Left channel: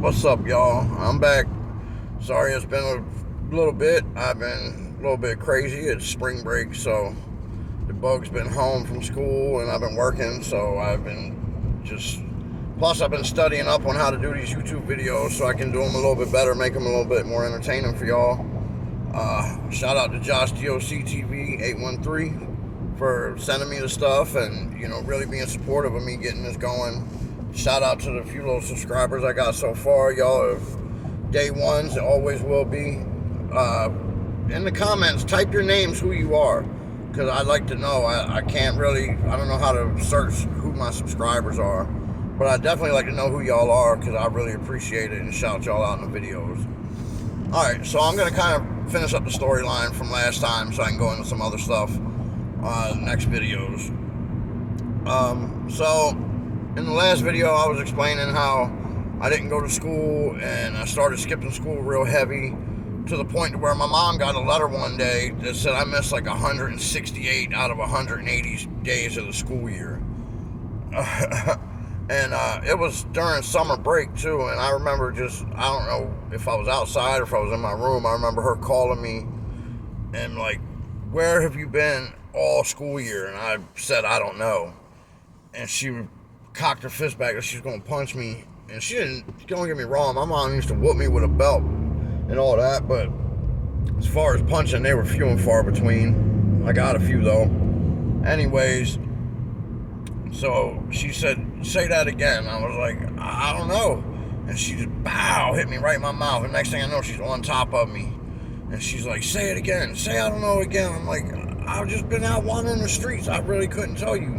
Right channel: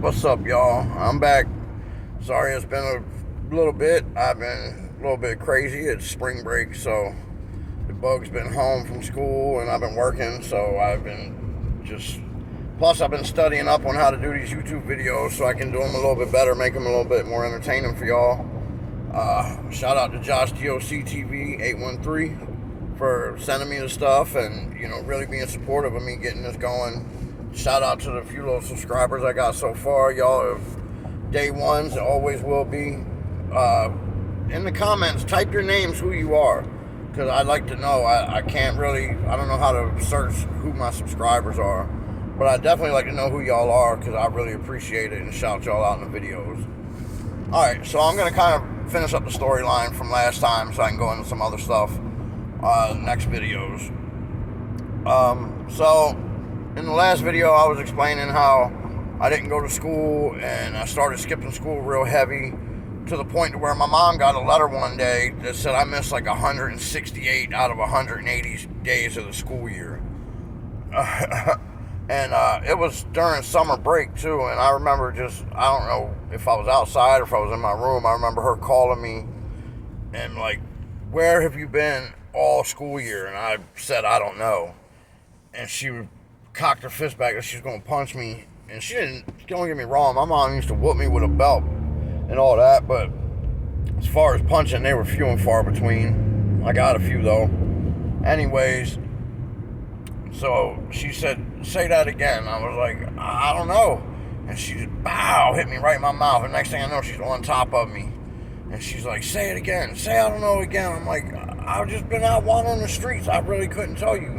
What's up, y'all? I'm back. Sorry, it's been a little bit. I've been a little bit crazy. It's spring break, so the bug's been home from school and I've been working, so I've been just. Plus, I've been studying up on how to do these YouTube videos so I can do them a little bit better, make them a little bit more entertaining for y'all. Shout out to Josh DOC TV 813 for sending me the stuff and really being supportive of me getting this going. Shout out to the few little subscribers I got so far. Y'all are day ones and always will be. In the comments, type your names, who you are, because I'd like to know. I can't really, I don't know how to search who my subscribers are, but I definitely like to know who y'all are because I really appreciate it and shout y'all out in the videos. Alright, so I'm going to kind of finish up the storyline from last time so I can go into some other stuff next videos. So in the last video I was explaining how I didn't go to school and I started skipping school real heavy to the point to where my mom got a letter one day that said I missed like 168 out of 180 days of the school year. And it was during summer break too, and I remember I don't know if I was outside or if I was in my room. I remember her calling me and like, where have you been all school year? And I said, I don't know. And she cocked her fist back and she was going to punch me. And she didn't, don't get me wrong, my mom used to whoop me with a belt and all that, but as far as punching, they were few and far between. I got a few though. Anyways, so she said, say that again. I was like, I don't know. And she just, bow, hit me right in my mouth. And next thing I know, she's on top of me. And she's like, say it again. Say I don't know again. I'm like, I've just been out wandering the streets. I really couldn't tell you.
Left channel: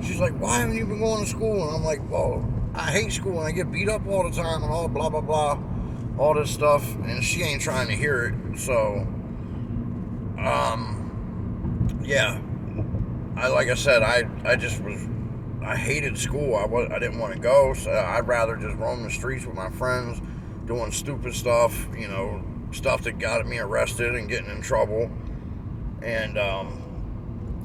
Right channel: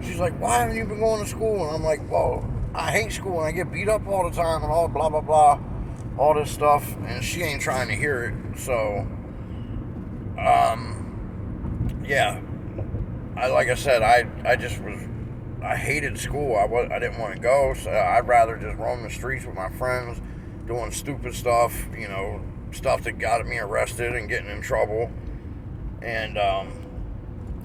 She's like, why haven't you been going to school? And I'm like, well, I hate school and I get beat up all the time and all blah, blah, blah. All this stuff. And she ain't trying to hear it. So, yeah. Like I said, I hated school. I didn't want to go, so I'd rather just roam the streets with my friends, doing stupid stuff, stuff that got me arrested and getting in trouble, and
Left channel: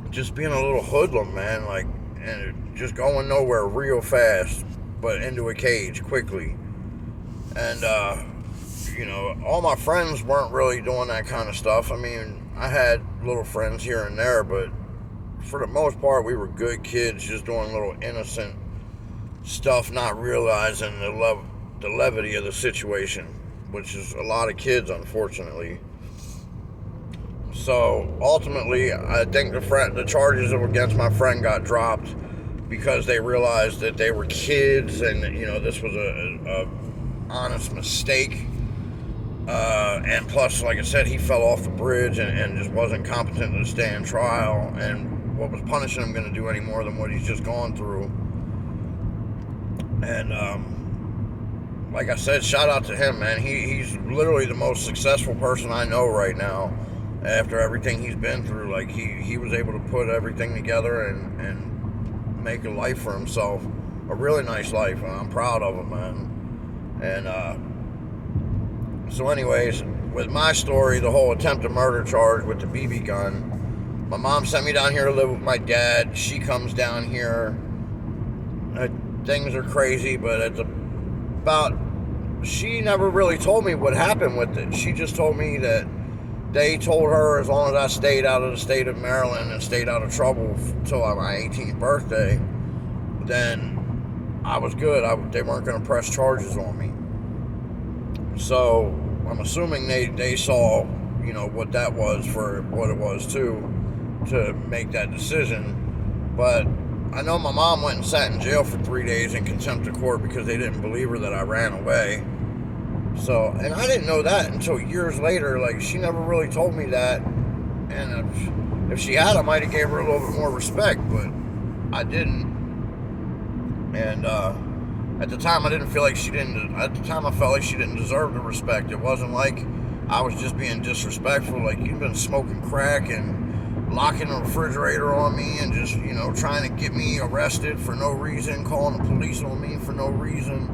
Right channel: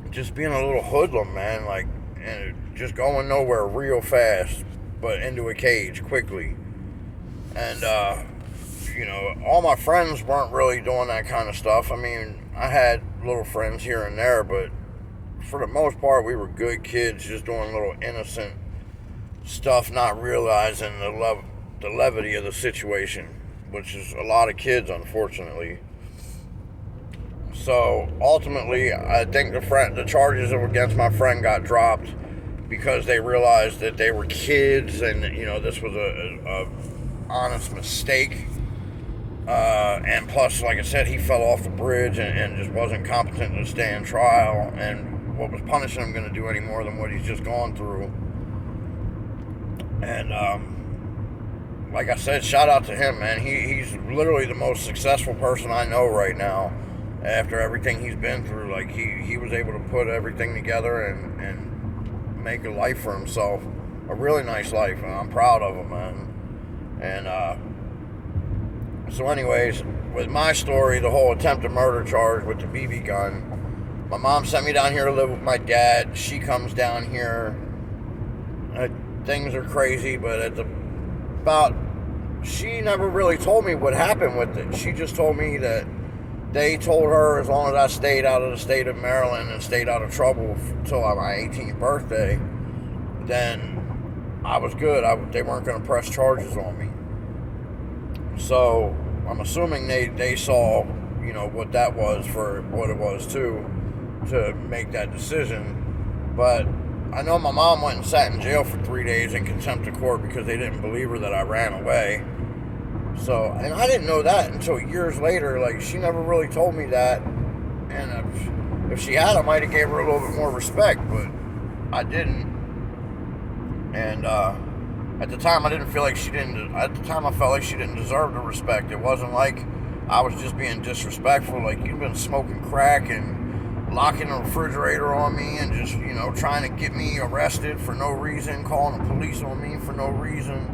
just being a little hoodlum, man, like, and just going nowhere real fast, but into a cage quickly. And all my friends weren't really doing that kind of stuff. I mean, I had little friends here and there, but for the most part, we were good kids, just doing little innocent stuff, not realizing the levity of the situation, which is a lot of kids, unfortunately. So ultimately, I think the charges against my friend got dropped because they realized that they were kids, and this was a honest mistake. And plus, like I said, he fell off the bridge and just wasn't competent to stand trial, and what was punishing him going to do any more than what he's just gone through. And like I said, shout out to him, man. He's literally the most successful person I know right now after everything he's been through. Like he was able to put everything together and make a life for himself, a really nice life, and I'm proud of him, man. And so anyways, with my story, the whole attempted murder charge with the BB gun, my mom sent me down here to live with my dad. She comes down here. Things are crazy, but she never really told me what happened with it. She just told me that they told her as long as I stayed out of the state of Maryland and stayed out of trouble until my 18th birthday, then I was good. They weren't going to press charges on me. So I'm assuming they saw, what that was for what it was too, to make that decision. But I know my mom went and sat in jail for 3 days in contempt of court because they didn't believe her that I ran away. So, and I didn't know that until years later. Like, she never really told me that, and if she had, I might have gave her a little bit more respect, but I didn't. And at the time, I didn't feel like she didn't. At the time, I felt like she didn't deserve the respect. It wasn't like I was just being disrespectful. Like, you've been smoking crack and locking the refrigerator on me and just, trying to get me arrested for no reason, calling the police on me for no reason,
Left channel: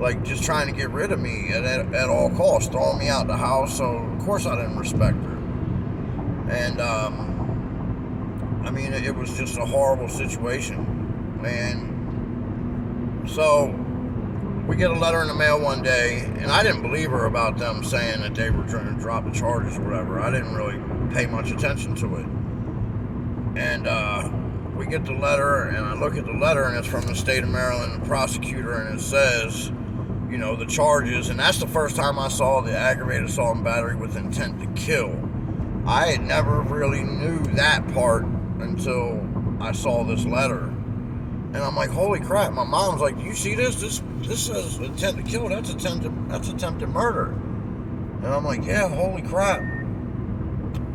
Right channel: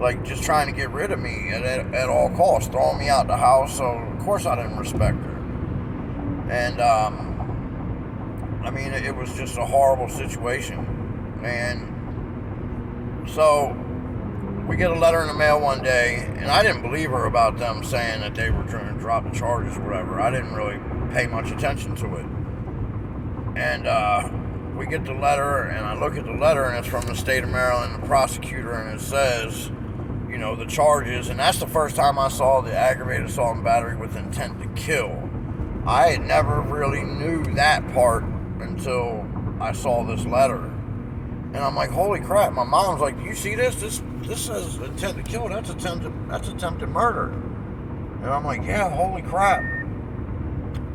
like just trying to get rid of me at all costs, throwing me out the house. So of course I didn't respect her. And I mean, it was just a horrible situation, man. So we get a letter in the mail one day, and I didn't believe her about them saying that they were trying to drop the charges or whatever. I didn't really pay much attention to it. And we get the letter, and I look at the letter, and it's from the state of Maryland, the prosecutor, and it says, you know, the charges, and that's the first time I saw the aggravated assault and battery with intent to kill. I had never really knew that part until I saw this letter. And I'm like, holy crap. My mom's like, do you see this? This says intent to kill. That's attempted murder. And I'm like, yeah, holy crap.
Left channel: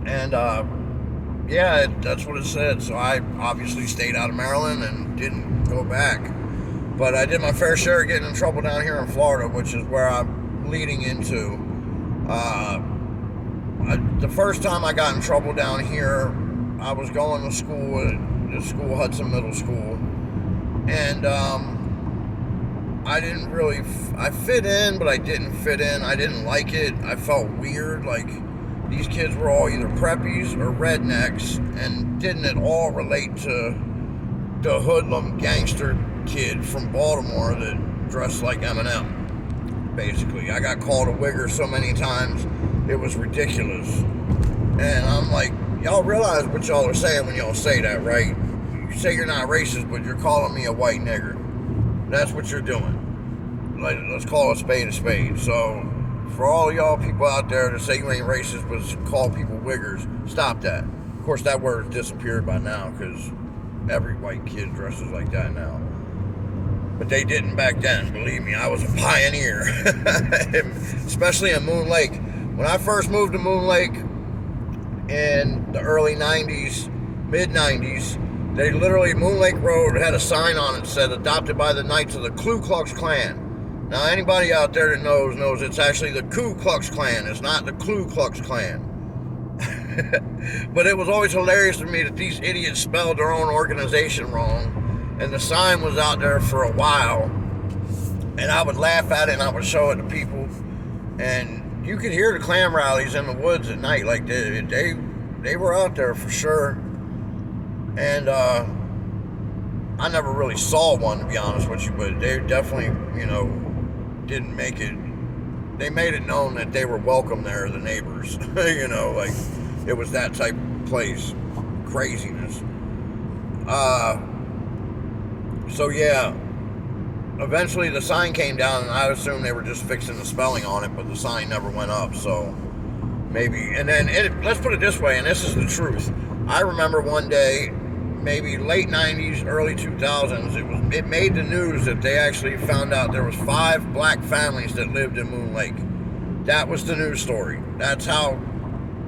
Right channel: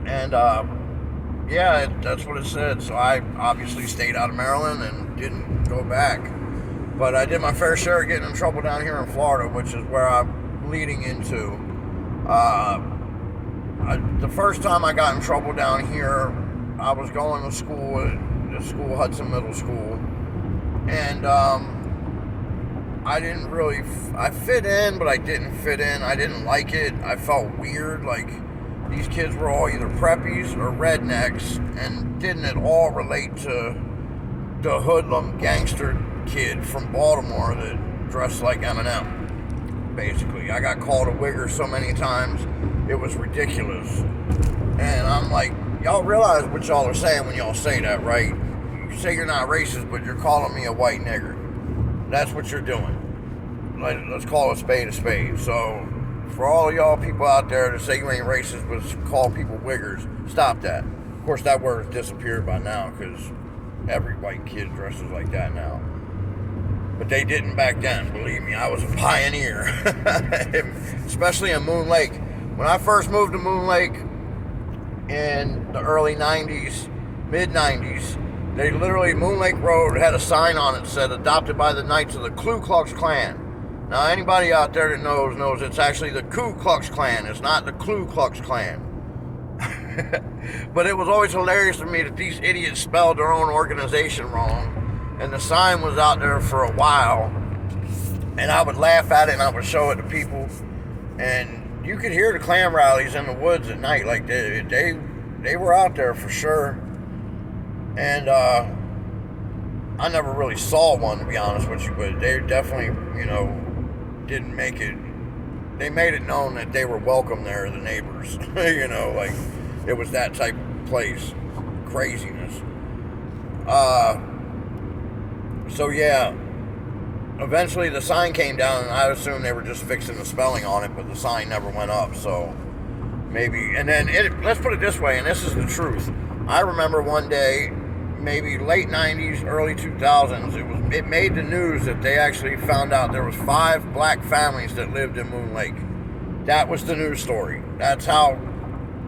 And yeah, that's what it said. So I obviously stayed out of Maryland and didn't go back. But I did my fair share of getting in trouble down here in Florida, which is where I'm leading into. The first time I got in trouble down here, I was going to school at the school, Hudson Middle School. And I didn't really, I fit in, but I didn't fit in. I didn't like it. I felt weird. Like, these kids were all either preppies or rednecks and didn't at all relate to the hoodlum gangster kid from Baltimore that dressed like Eminem, basically. I got called a wigger so many times, it was ridiculous. And I'm like, y'all realize what y'all are saying when y'all say that, right? You say you're not racist, but you're calling me a white nigger. That's what you're doing. Like, let's call a spade a spade. So, for all y'all people out there that say you ain't racist, but call people wiggers, stop that. Of course, that word disappeared by now, because every white kid dresses like that now. But they didn't back then, believe me. I was a pioneer, especially in Moon Lake. When I first moved to Moon Lake in the early 90s, mid-90s, they literally, Moon Lake Road had a sign on it that said, adopted by the Knights of the Ku Klux Klan. Now, anybody out there that knows it's actually the Ku Klux Klan. It's not the Ku Klux Klan. But it was always hilarious to me that these idiots spelled their own organization wrong. And the sign was out there for a while. And I would laugh at it and I would show it to people. And you could hear the Klan rallies in the woods at night. Like, they were out there for sure. And I never really saw one, to be honest with you, but they definitely, didn't make it. They made it known that they were welcome there, the neighbors. Like, it was that type of place. Craziness. So yeah, eventually the sign came down, and I assumed they were just fixing the spelling on it, but the sign never went up, so maybe. And then, let's put it this way, and this is the truth. I remember one day, maybe late 90s, early 2000s, it made the news that they actually found out there was 5 black families that lived in Moon Lake. That was the news story. That's how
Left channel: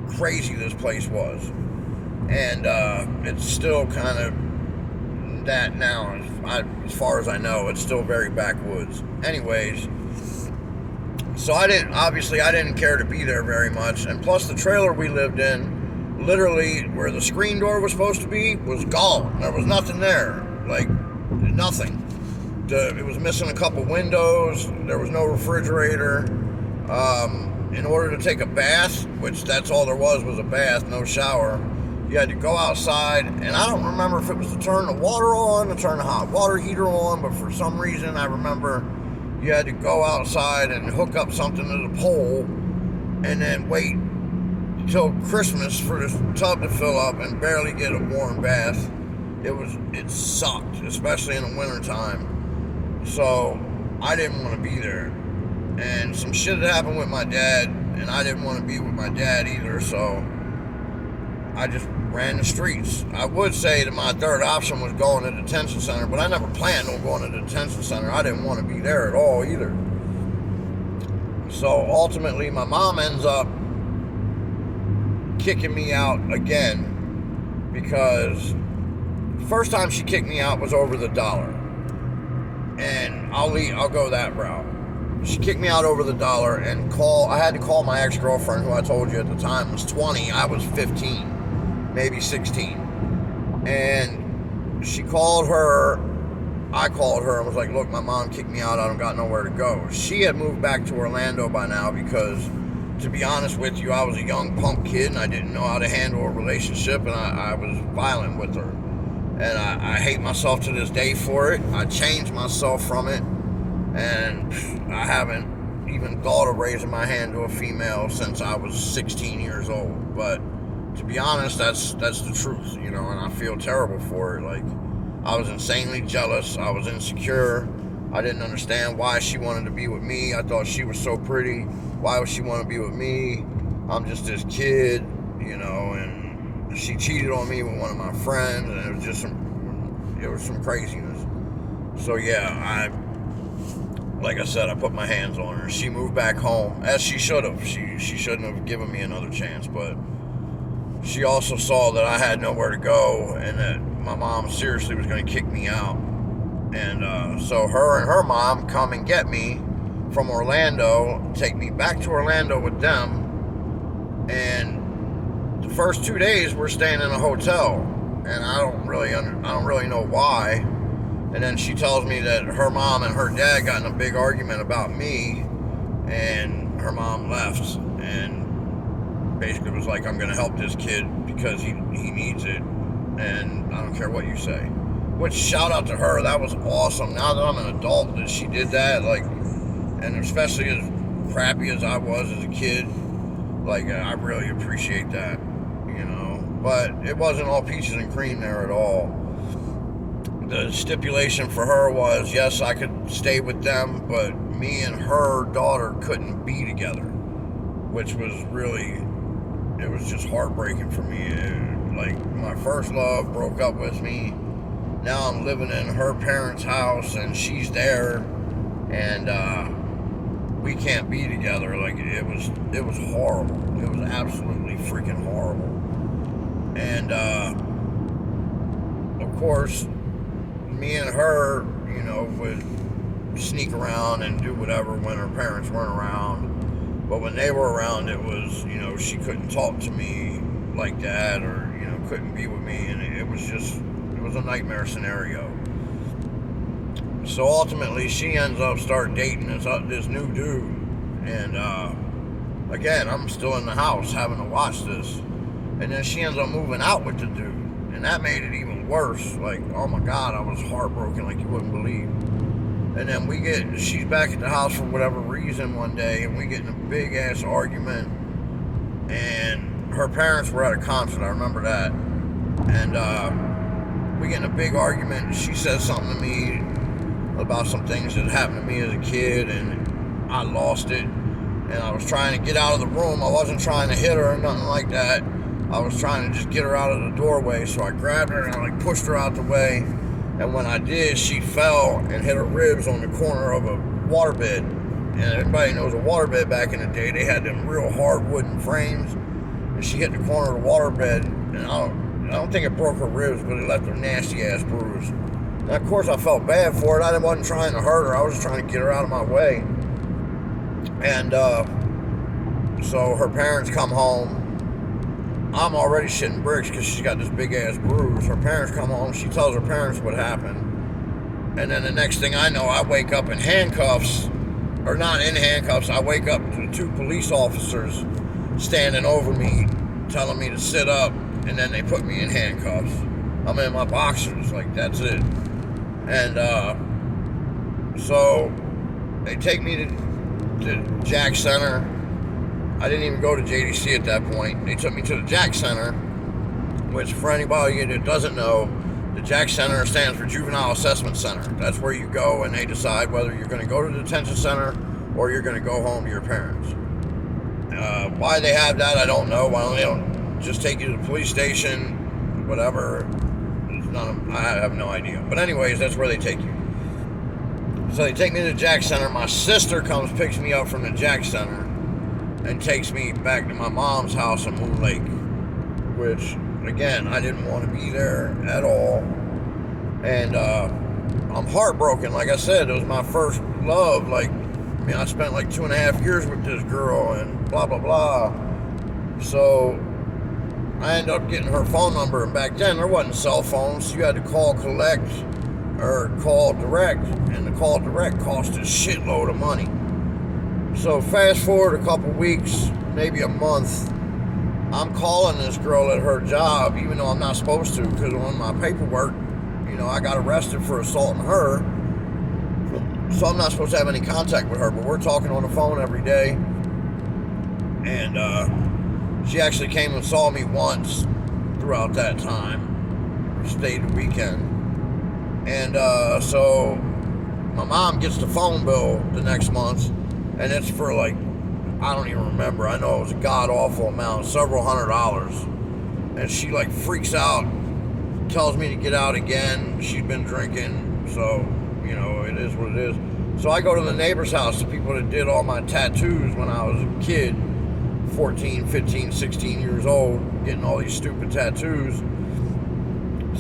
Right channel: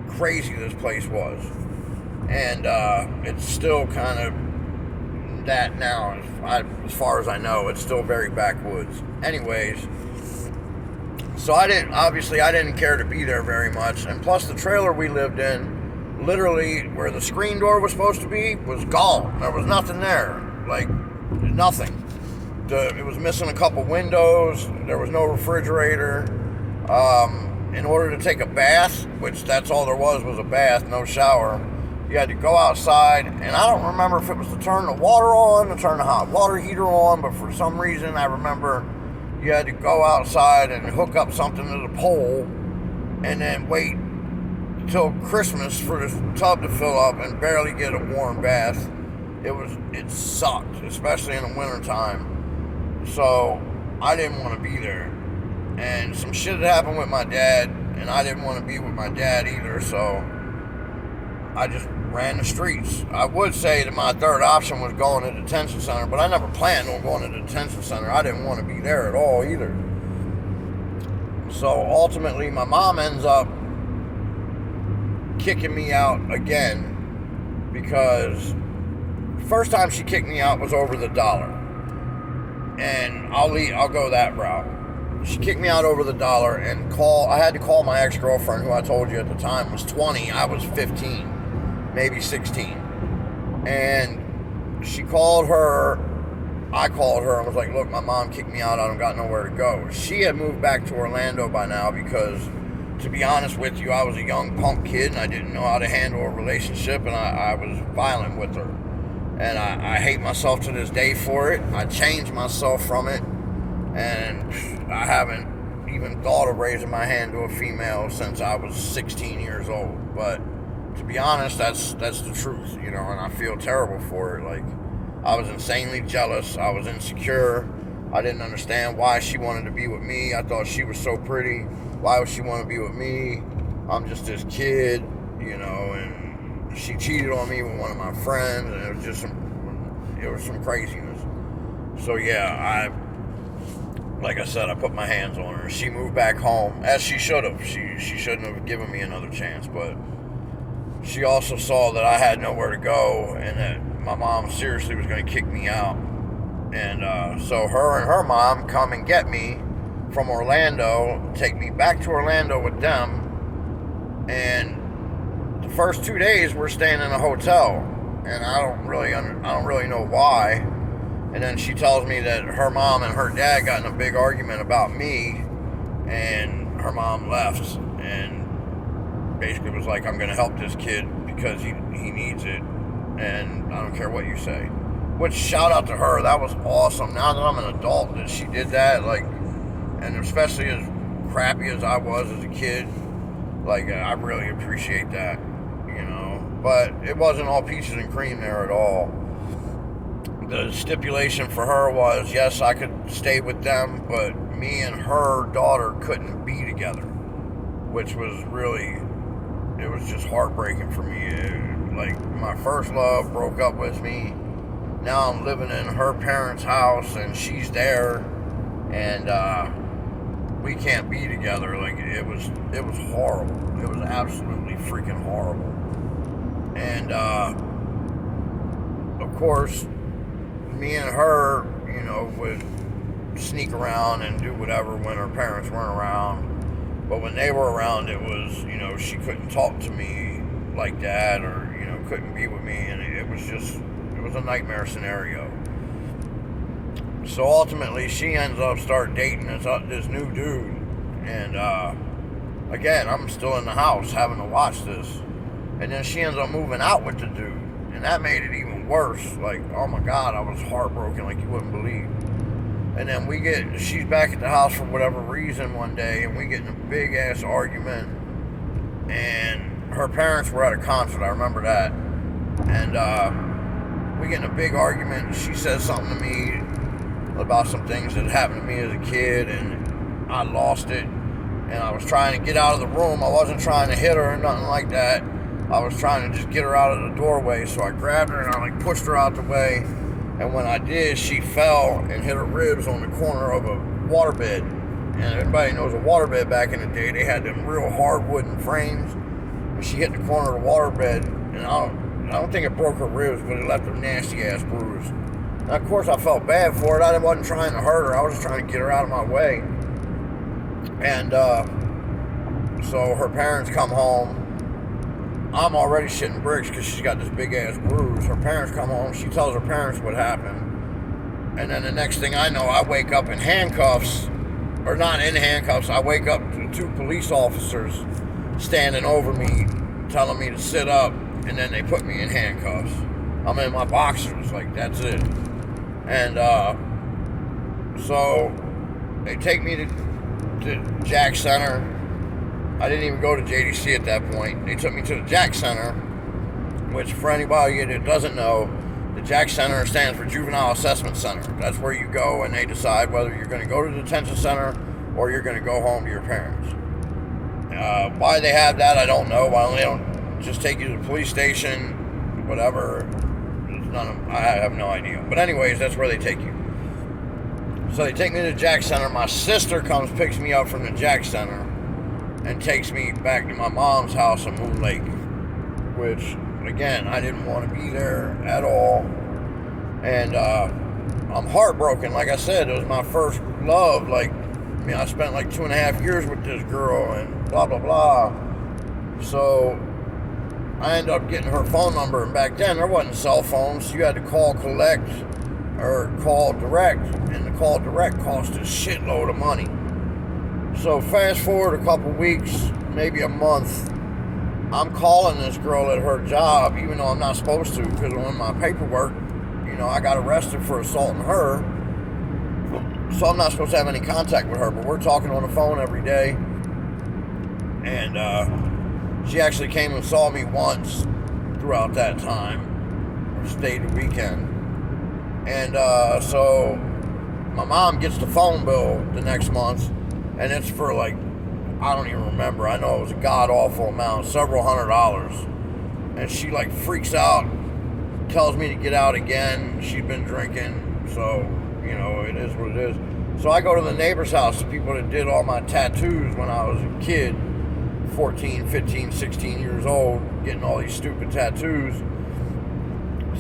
crazy this place was. And it's still kind of that now, as far as I know. It's still very backwoods. Anyways, so I didn't care to be there very much. And plus, the trailer we lived in, literally where the screen door was supposed to be, was gone. There was nothing there. Like, nothing. It was missing a couple windows. There was no refrigerator. In order to take a bath, which that's all there was a bath, no shower, you had to go outside. And I don't remember if it was to turn the water on, to turn the hot water heater on, but for some reason I remember you had to go outside and hook up something to the pole and then wait till Christmas for this tub to fill up and barely get a warm bath. It sucked, especially in the wintertime. So I didn't want to be there. And some shit had happened with my dad, and I didn't want to be with my dad either, so I just ran the streets. I would say that my third option was going to the detention center, but I never planned on going to the detention center. I didn't want to be there at all either. So ultimately, my mom ends up kicking me out again, because the first time she kicked me out was over the dollar. And I'll go that route. She kicked me out over the dollar, and I had to call my ex-girlfriend, who I told you at the time was 20. I was 15, maybe 16. And she called her. I called her and was like, look, my mom kicked me out. I don't got nowhere to go. She had moved back to Orlando by now because, to be honest with you, I was a young punk kid and I didn't know how to handle a relationship, and I was violent with her. And I hate myself to this day for it. I changed myself from it. And I haven't even thought of raising my hand to a female since I was 16 years old. But to be honest, that's the truth, and I feel terrible for it. Like, I was insanely jealous. I was insecure. I didn't understand why she wanted to be with me. I thought she was so pretty. Why would she want to be with me? I'm just this kid, and she cheated on me with one of my friends, and it was some craziness. So yeah, like I said, I put my hands on her. She moved back home, as she should have. She shouldn't have given me another chance, but she also saw that I had nowhere to go and that my mom seriously was going to kick me out. And so her and her mom come and get me from Orlando, take me back to Orlando with them. And the first 2 days we're staying in a hotel, and I don't really know why. And then she tells me that her mom and her dad got in a big argument about me, and her mom left and basically was like, I'm going to help this kid because he needs it, and I don't care what you say. Which, shout out to her, that was awesome. Now that I'm an adult, that she did that, like, and especially as crappy as I was as a kid, like, I really appreciate that, But it wasn't all peaches and cream there at all. The stipulation for her was, yes, I could stay with them, but me and her daughter couldn't be together, which was it was just heartbreaking for me. Like, my first love broke up with me. Now I'm living in her parents' house, and she's there, and we can't be together. Like, it was horrible. It was absolutely freaking horrible. And of course, me and her, would sneak around and do whatever when her parents weren't around. But when they were around, it was, she couldn't talk to me like that, or, couldn't be with me. And it was a nightmare scenario. So ultimately, she ends up starting dating this new dude. And again, I'm still in the house having to watch this. And then she ends up moving out with the dude. And that made it even worse. Like, oh my God, I was heartbroken like you wouldn't believe. And then she's back at the house for whatever reason one day, and we get in a big ass argument. And her parents were at a concert, I remember that. And we get in a big argument, and she says something to me about some things that happened to me as a kid, and I lost it. And I was trying to get out of the room. I wasn't trying to hit her or nothing like that. I was trying to just get her out of the doorway, so I grabbed her and I pushed her out the way. And when I did, she fell and hit her ribs on the corner of a waterbed. And everybody knows a waterbed back in the day, they had them real hard wooden frames. And she hit the corner of the waterbed, and I don't think it broke her ribs, but it left a nasty ass bruise. And of course I felt bad for it. I wasn't trying to hurt her, I was just trying to get her out of my way. And so her parents come home. I'm already shitting bricks because she's got this big ass bruise. Her parents come home. She tells her parents what happened. And then the next thing I know, I wake up in handcuffs. Or not in handcuffs. I wake up to 2 police officers standing over me, telling me to sit up. And then they put me in handcuffs. I'm in my boxers. Like, that's it. And so they take me to Jack Center. I didn't even go to JDC at that point. They took me to the Jack Center, which, for anybody that doesn't know, the Jack Center stands for Juvenile Assessment Center. That's where you go and they decide whether you're going to go to the detention center or you're going to go home to your parents. Why they have that, I don't know. Why they don't just take you to the police station, whatever. I have no idea. But anyways, that's where they take you. So they take me to the Jack Center. My sister comes, picks me up from the Jack Center, and takes me back to my mom's house in Moon Lake, which, again, I didn't want to be there at all. And I'm heartbroken. Like I said, it was my first love. Like, I spent like 2.5 years with this girl and blah, blah, blah. So I ended up getting her phone number. And back then, there wasn't cell phones. You had to call collect or call direct. And the call direct cost a shitload of money. So fast forward a couple weeks, maybe a month, I'm calling this girl at her job, even though I'm not supposed to, because on my paperwork, I got arrested for assaulting her. So I'm not supposed to have any contact with her, but we're talking on the phone every day. And she actually came and saw me once throughout that time. Stayed the weekend. And so my mom gets the phone bill the next month, and it's for like, I don't even remember. I know it was a god-awful amount, several $100s. And she like freaks out, tells me to get out again. She'd been drinking, so, you know, it is what it is. So I go to the neighbor's house, the people that did all my tattoos when I was a kid, 14, 15, 16 years old, getting all these stupid tattoos.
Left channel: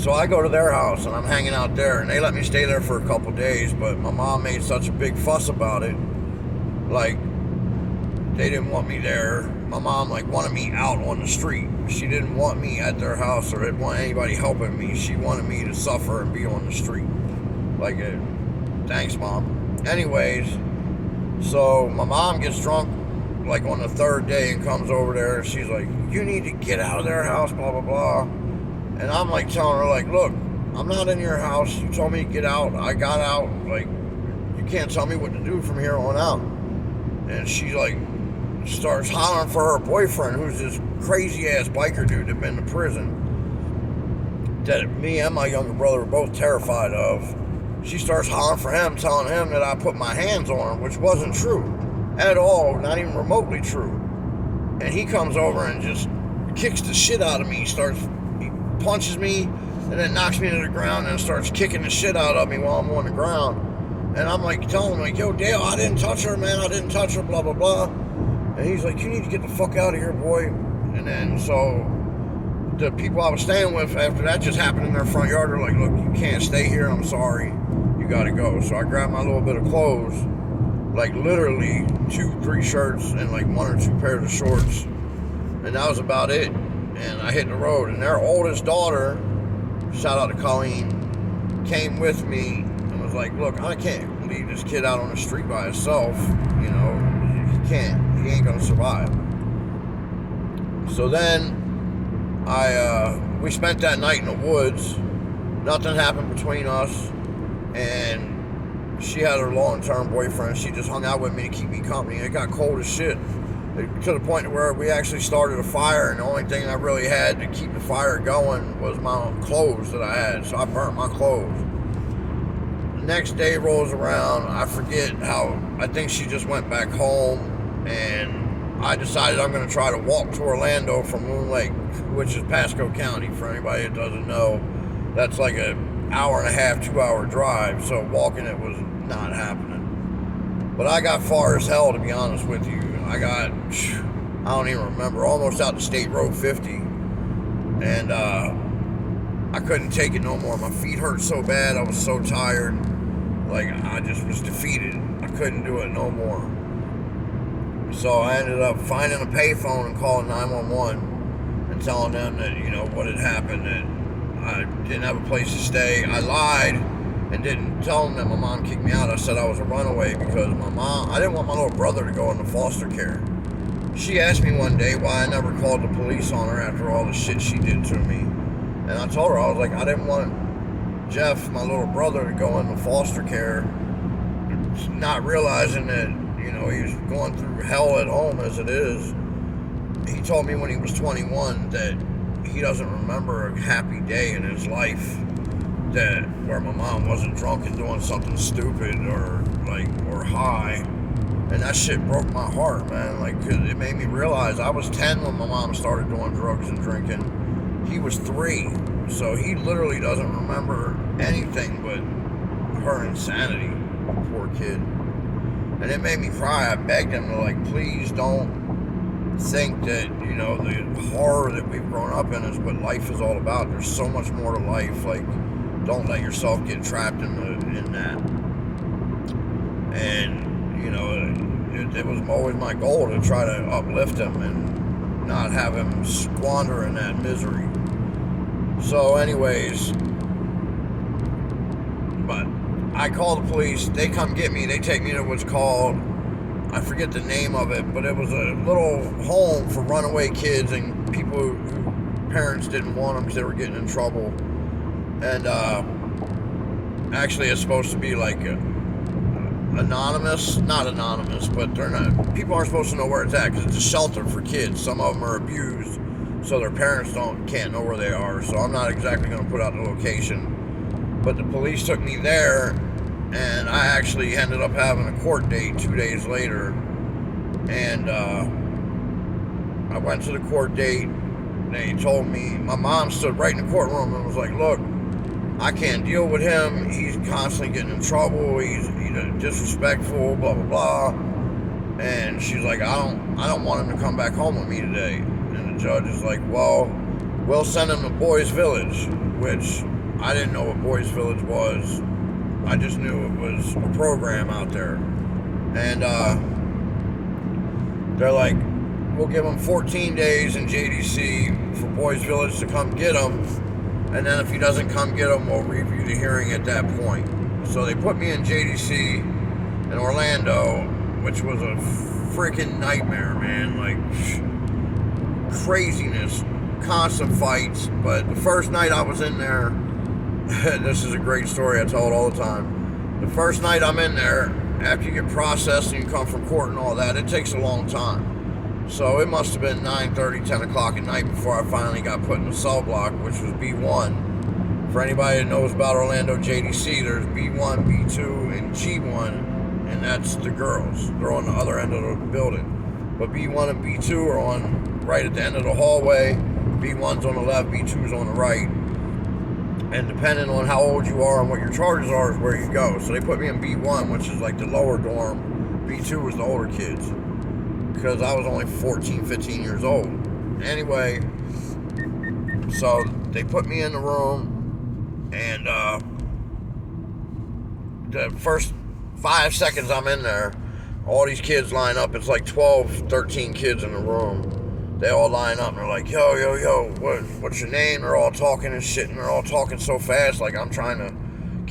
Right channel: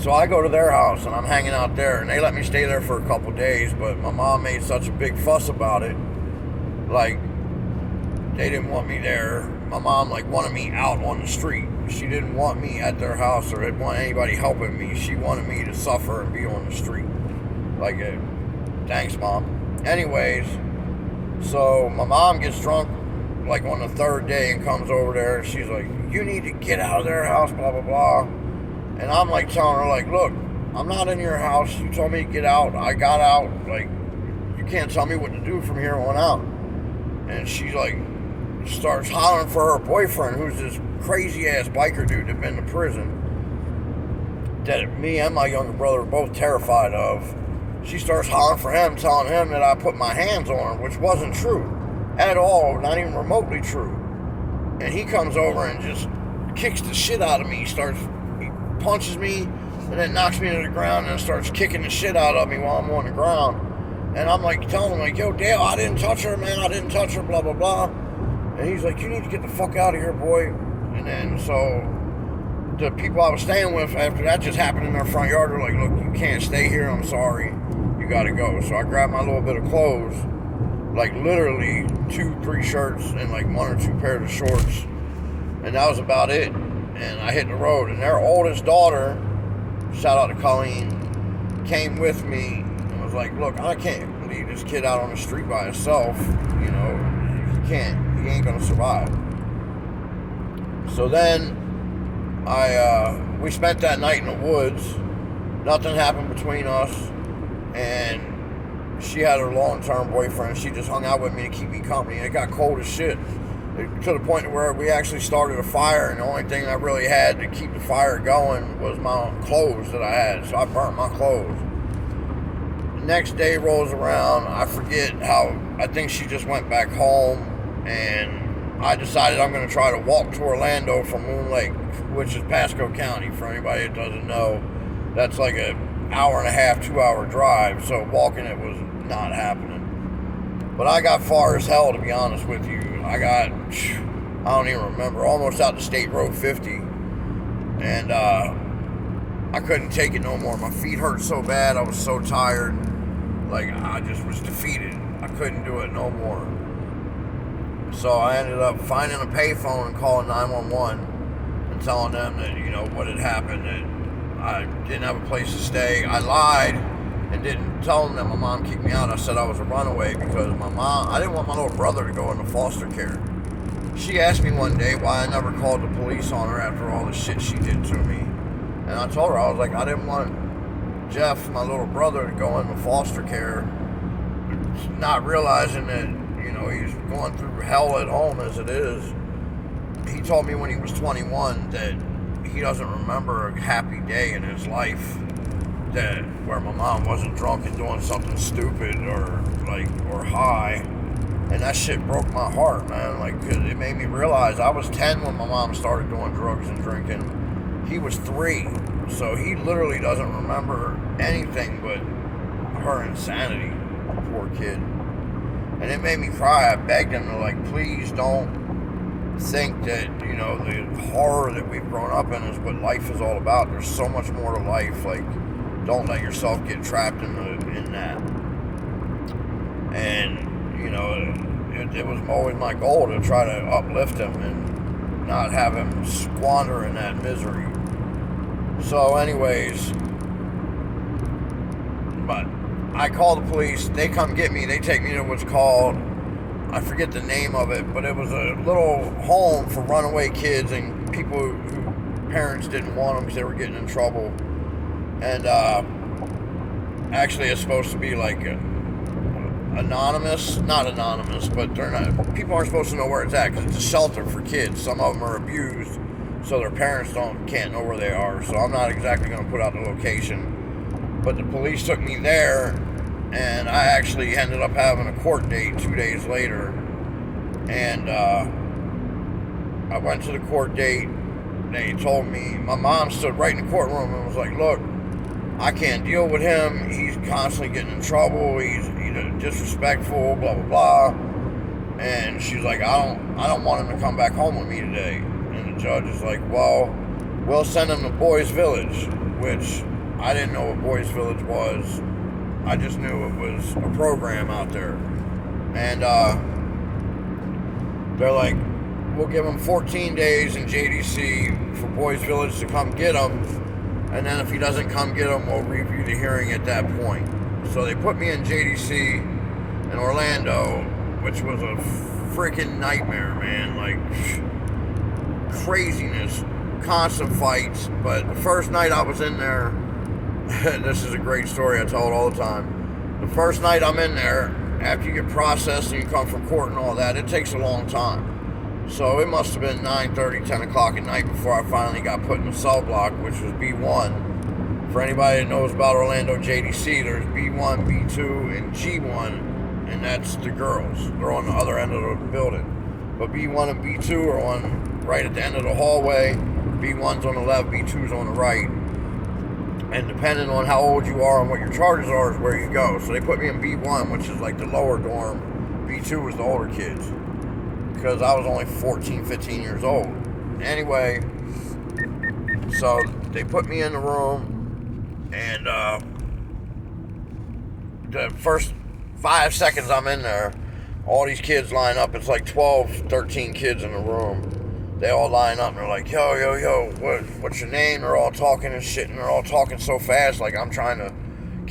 So I go to their house and I'm hanging out there, and they let me stay there for a couple days, but my mom made such a big fuss about it. Like, they didn't want me there. My mom like wanted me out on the street. She didn't want me at their house or didn't want anybody helping me. She wanted me to suffer and be on the street. Like, thanks, Mom. Anyways, so my mom gets drunk like on the third day and comes over there. She's like, you need to get out of their house, blah, blah, blah. And I'm like telling her, like, look, I'm not in your house. You told me to get out. I got out. Like, you can't tell me what to do from here on out. And she's like, starts hollering for her boyfriend, who's this crazy-ass biker dude that been to prison, that me and my younger brother were both terrified of. She starts hollering for him, telling him that I put my hands on her, which wasn't true at all, not even remotely true. And he comes over and just kicks the shit out of me. He punches me and then knocks me to the ground and starts kicking the shit out of me while I'm on the ground. And I'm like telling him, like, yo, Dale, I didn't touch her, man. I didn't touch her, blah, blah, blah. And he's like, you need to get the fuck out of here, boy. And then so the people I was staying with after that just happened in their front yard. They're like, look, you can't stay here. I'm sorry. You got to go. So I grabbed my little bit of clothes, like literally 2-3 shirts and like 1 or 2 pairs of shorts. And that was about it. And I hit the road. And their oldest daughter, shout out to Colleen, came with me and was like, look, I can't leave this kid out on the street by himself. You know, he can't. He ain't gonna survive. So then we spent that night in the woods. Nothing happened between us, and she had her long-term boyfriend. She just hung out with me to keep me company, and it got cold as shit, to the point where we actually started a fire, and the only thing I really had to keep the fire going was my clothes that I had, so I burnt my clothes. The next day rolls around. I forget how, I think she just went back home, and I decided I'm going to try to walk to Orlando from Moon Lake, which is Pasco County. For anybody that doesn't know, that's like an hour and a half, 2-hour drive, so walking it was not happening. But I got far as hell, to be honest with you. I got, I don't even remember, almost out to State Road 50, and I couldn't take it no more. My feet hurt so bad, I was so tired, like I just was defeated. I couldn't do it no more. So I ended up finding a payphone and calling 911 and telling them that, you know, what had happened, that I didn't have a place to stay. I lied and didn't tell them that my mom kicked me out. I said I was a runaway because I didn't want my little brother to go into foster care. She asked me one day why I never called the police on her after all the shit she did to me. And I told her, I was like, I didn't want Jeff, my little brother, to go into foster care, not realizing that, you know, he's going through hell at home as it is. He told me when he was 21 that he doesn't remember a happy day in his life that where my mom wasn't drunk and doing something stupid or high. And that shit broke my heart, man. Like, 'cause it made me realize I was 10 when my mom started doing drugs and drinking. He was 3, so he literally doesn't remember anything but her insanity. Poor kid. And it made me cry. I begged him to, like, please don't think that, you know, the horror that we've grown up in is what life is all about. There's so much more to life. Like, don't let yourself get trapped in that. And, you know, it was always my goal to try to uplift him and not have him squander in that misery. So anyways, but I call the police, they come get me, they take me to what's called, I forget the name of it, but it was a little home for runaway kids and people who parents didn't want them because they were getting in trouble. And actually it's supposed to be like anonymous, not anonymous, but they're not. People aren't supposed to know where it's at because it's a shelter for kids. Some of them are abused, so their parents can't know where they are. So I'm not exactly going to put out the location. But the police took me there, and I actually ended up having a court date 2 days later. And I went to the court date. They told me, my mom stood right in the courtroom and was like, look, I can't deal with him. He's constantly getting in trouble. He's disrespectful, blah, blah, blah. And she's like, I don't want him to come back home with me today. And the judge is like, well, we'll send him to Boys Village, which I didn't know what Boys Village was. I just knew it was a program out there. And they're like, we'll give him 14 days in JDC for Boys Village to come get him. And then if he doesn't come get him, we'll review the hearing at that point. So they put me in JDC in Orlando, which was a freaking nightmare, man. Like, craziness, constant fights. But the first night I was in there, this is a great story I tell it all the time. The first night I'm in there, after you get processed and you come from court and all that, it takes a long time. So it must have been 9:30, 10 o'clock at night before I finally got put in the cell block, which was B1. For anybody that knows about Orlando JDC, there's B1, B2, and G1, and that's the girls. They're on the other end of the building. But B1 and B2 are on right at the end of the hallway. B1's on the left, B2's on the right. And depending on how old you are and what your charges are is where you go. So they put me in B1, which is like the lower dorm. B2 was the older kids, because I was only 14, 15 years old. Anyway, so they put me in the room, and the first 5 seconds I'm in there, all these kids line up. It's like 12, 13 kids in the room. They all line up, and they're like, yo, yo, yo, what's your name? They're all talking and shit, and they're all talking so fast, like I'm trying to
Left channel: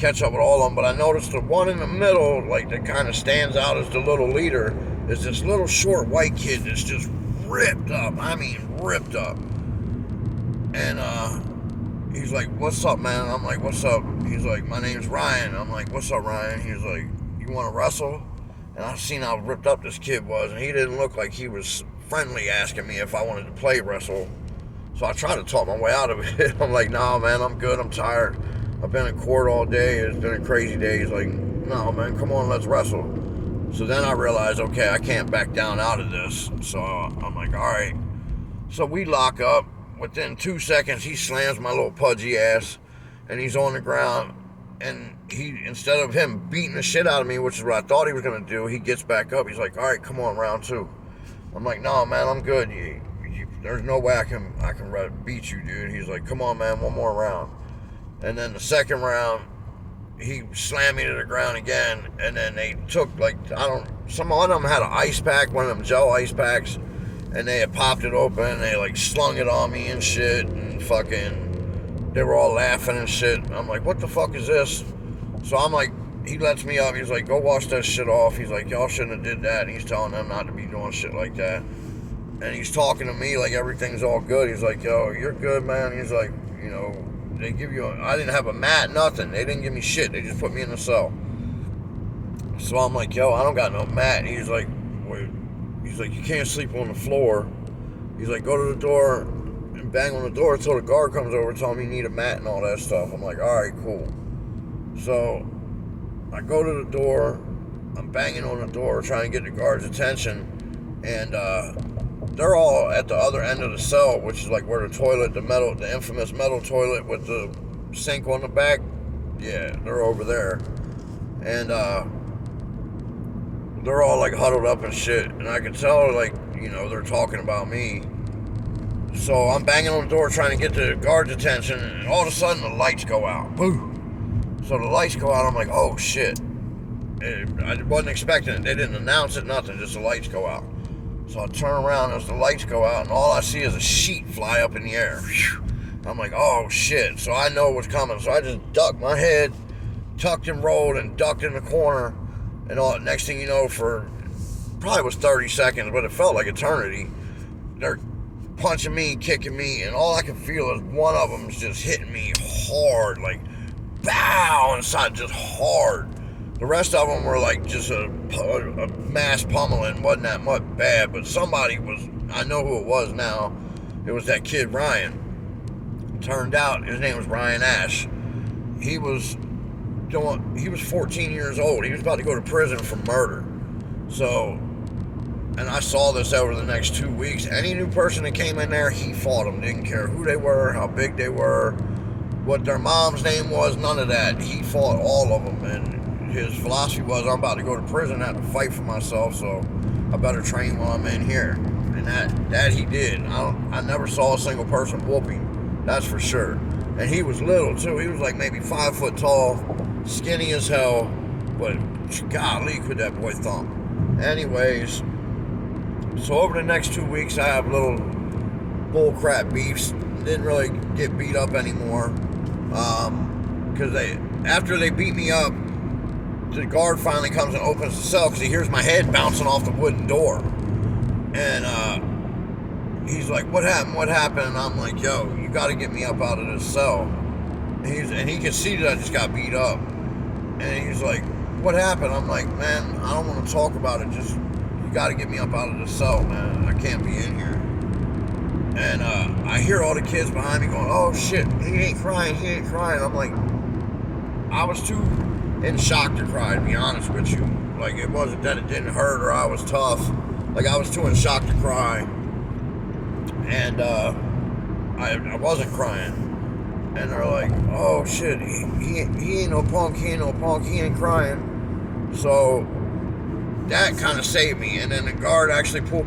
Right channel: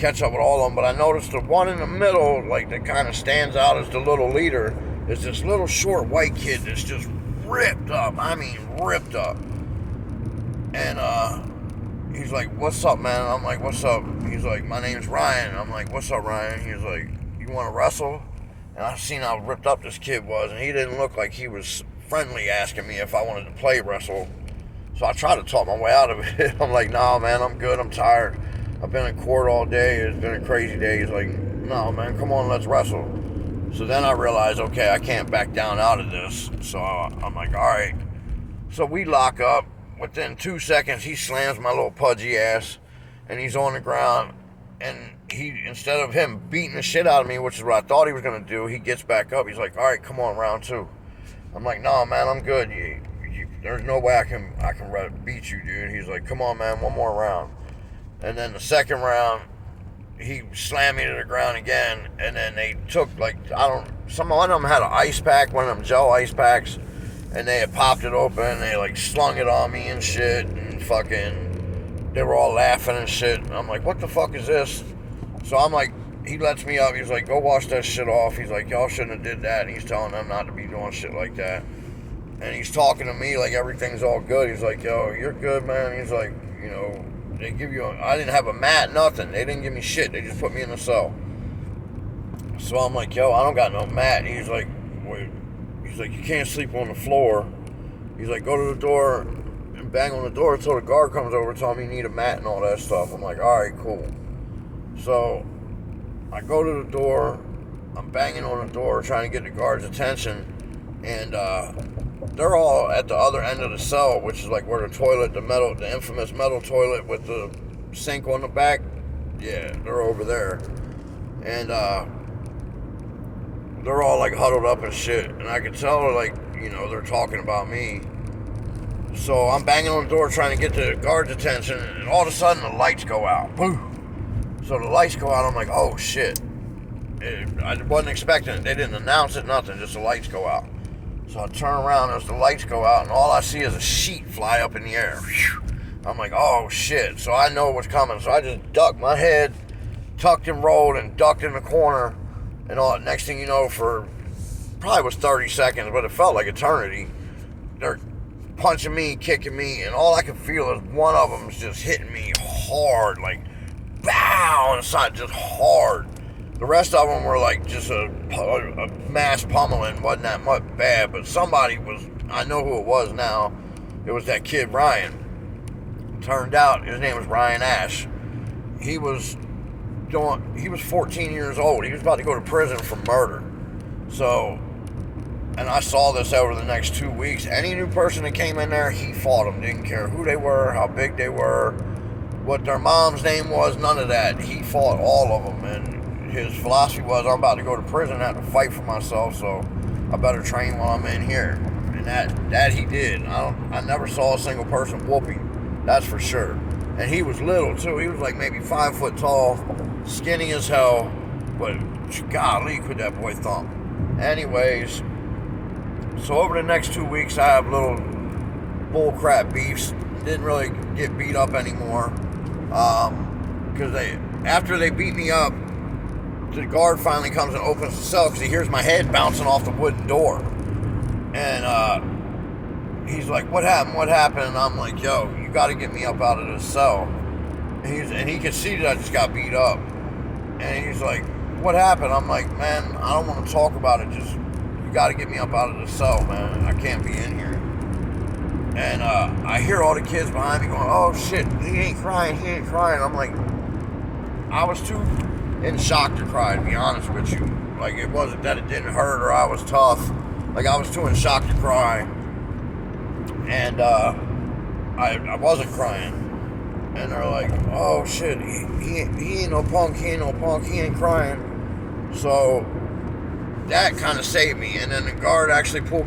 catch up with all of them. But I noticed the one in the middle, like, that kind of stands out as the little leader, is this little short white kid that's just ripped up. I mean, ripped up. And he's like, what's up, man? I'm like, what's up? He's like, my name's Ryan. I'm like, what's up, Ryan? He's like, you want to wrestle? And I seen how ripped up this kid was, and he didn't look like he was friendly asking me if I wanted to play wrestle. So I tried to talk my way out of it. I'm like, nah, man, I'm good. I'm tired. I've been in court all day. It's been a crazy day. He's like, no, man, come on, let's wrestle. So then I realized, okay, I can't back down out of this. So I'm like, all right. So we lock up. Within 2 seconds, he slams my little pudgy ass, and he's on the ground. And he, instead of him beating the shit out of me, which is what I thought he was going to do, he gets back up. He's like, all right, come on, round two. I'm like, no, man, I'm good. There's no way I can beat you, dude. He's like, come on, man, one more round. And then the second round, he slammed me to the ground again, and then they took, like, some of them had an ice pack, one of them gel ice packs, and they had popped it open, and they, like, slung it on me and shit, and fucking, they were all laughing and shit. I'm like, what the fuck is this? So I'm like, he lets me up, he's like, go wash that shit off. He's like, y'all shouldn't have did that, and he's telling them not to be doing shit like that. And he's talking to me like everything's all good. He's like, yo, you're good, man. He's like, you know, they give you I didn't have a mat, nothing. They didn't give me shit. They just put me in a cell. So I'm like, yo, I don't got no mat. And he's like, wait. He's like, you can't sleep on the floor. He's like, go to the door and bang on the door until the guard comes over and tell me you need a mat and all that stuff. I'm like, all right, cool. So I go to the door. I'm banging on the door trying to get the guard's attention. And they're all at the other end of the cell, which is like where the toilet, the infamous metal toilet with the sink on the back. Yeah, they're over there. And they're all like huddled up and shit. And I can tell, like, you know, they're talking about me. So I'm banging on the door trying to get the guard's attention, and all of a sudden the lights go out. Boom. So the lights go out, I'm like, oh shit. I wasn't expecting it. They didn't announce it, nothing, just the lights go out. So I turn around as the lights go out, and all I see is a sheet fly up in the air. I'm like, oh shit. So I know what's coming. So I just ducked my head, tucked and rolled, and ducked in the corner. And all. Next thing you know, for probably was 30 seconds, but it felt like eternity. They're punching me, kicking me, and all I can feel is one of them is just hitting me hard, like, bow, inside, just hard. The rest of them were like just a mass pummeling. Wasn't that much bad, but somebody was, I know who it was now. It was that kid Ryan. Turned out his name was Ryan Ash. He was 14 years old. He was about to go to prison for murder. So, and I saw this over the next 2 weeks. Any new person that came in there, he fought them. Didn't care who they were, how big they were, what their mom's name was, none of that. He fought all of them. And his philosophy was, I'm about to go to prison, I have to fight for myself, so I better train while I'm in here. And that he did. I never saw a single person whoop him. That's for sure. And he was little too. He was like maybe 5 foot tall, skinny as hell, but golly, could that boy thump. Anyways, so over the next 2 weeks, I have little bullcrap beefs. Didn't really get beat up anymore, because after they beat me up, the guard finally comes and opens the cell because he hears my head bouncing off the wooden door. And he's like, what happened? What happened? And I'm like, yo, you got to get me up out of this cell. And he can see that I just got beat up. And he's like, what happened? I'm like, man, I don't want to talk about it. Just, you got to get me up out of the cell, man. I can't be in here. And I hear all the kids behind me going, oh, shit, he ain't crying. I'm like, I was too in shock to cry, to be honest with you. Like, it wasn't that it didn't hurt or I was tough. Like, I was too in shock to cry. And I wasn't crying. And they're like, oh shit, he ain't no punk, he ain't crying. So that kind of saved me. And then the guard actually pulled me